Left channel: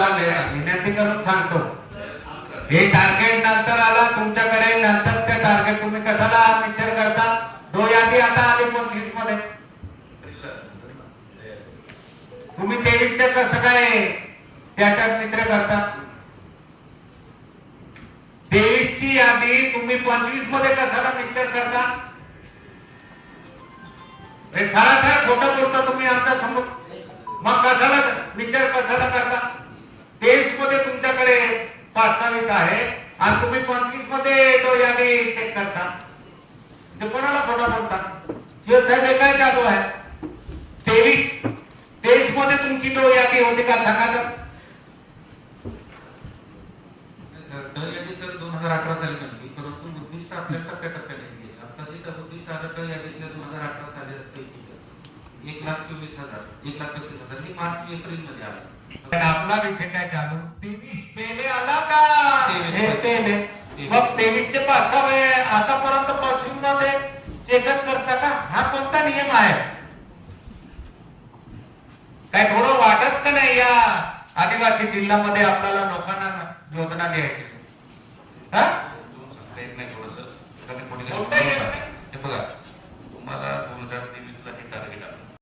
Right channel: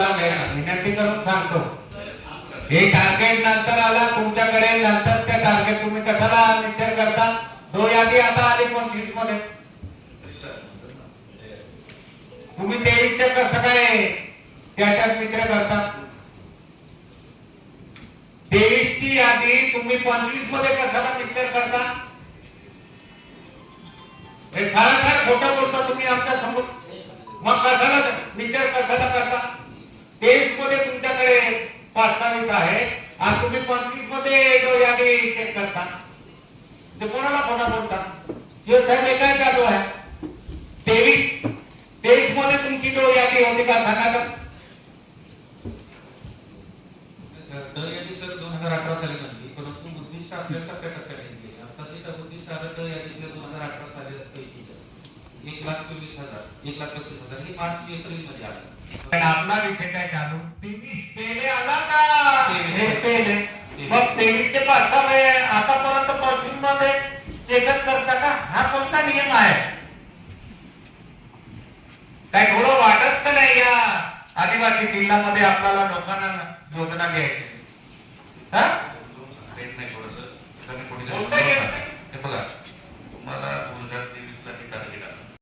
तुम्हाला वे- विनंती करून सांगतो हे टार्गेट नंतर आला तुमच्याकडे नंतरचे टार्गेट तुम्ही कशाला विचार करता? दो यादी आता आली पंचवीसमध्ये तुम्ही तेवीसचे कसं काय त्याच्यात मित्र करता? तेवीसची यादी तुम्ही पंचवीसमध्ये कशाला मित्र करता? हे सारा सारा खोटं बोलता तुम्ही आमच्यासमोर मग कशाला? प्रस्तावित आहे. आणि तुम्ही पंचवीस मध्ये तो यादी चेक करता. ते कोणाला खोटा बोलता? साहेब हे काय चालू आहे? तेवीस. तेवीस मध्ये तुमची तो यादी होती का? सांगा तर. दोन हज़ार अठरा साली बनली परंतु उद्दिष्ट आपल्या टप्प्या टप्प्याने दिली आता उद्दिष्ट आलं तर यादी दोन हज़ार अठरा साली पैकीच एक लाख चोवीस हजार एक लाख पस्तीस हजार हे मार्च एप्रिलमध्ये आलं. पण आपला विषय काय चालू? तेवीस पेले आला का. हे पेले. मग तेवीस चे पाचता आतापर्यंत पंचवीसमध्ये चेकअप करता का? हा कोणता नियम आहे? काय थोडं वाटत का नाही या आदिवासी जिल्ह्यामध्ये आपल्याला लोकांना योजना द्यायची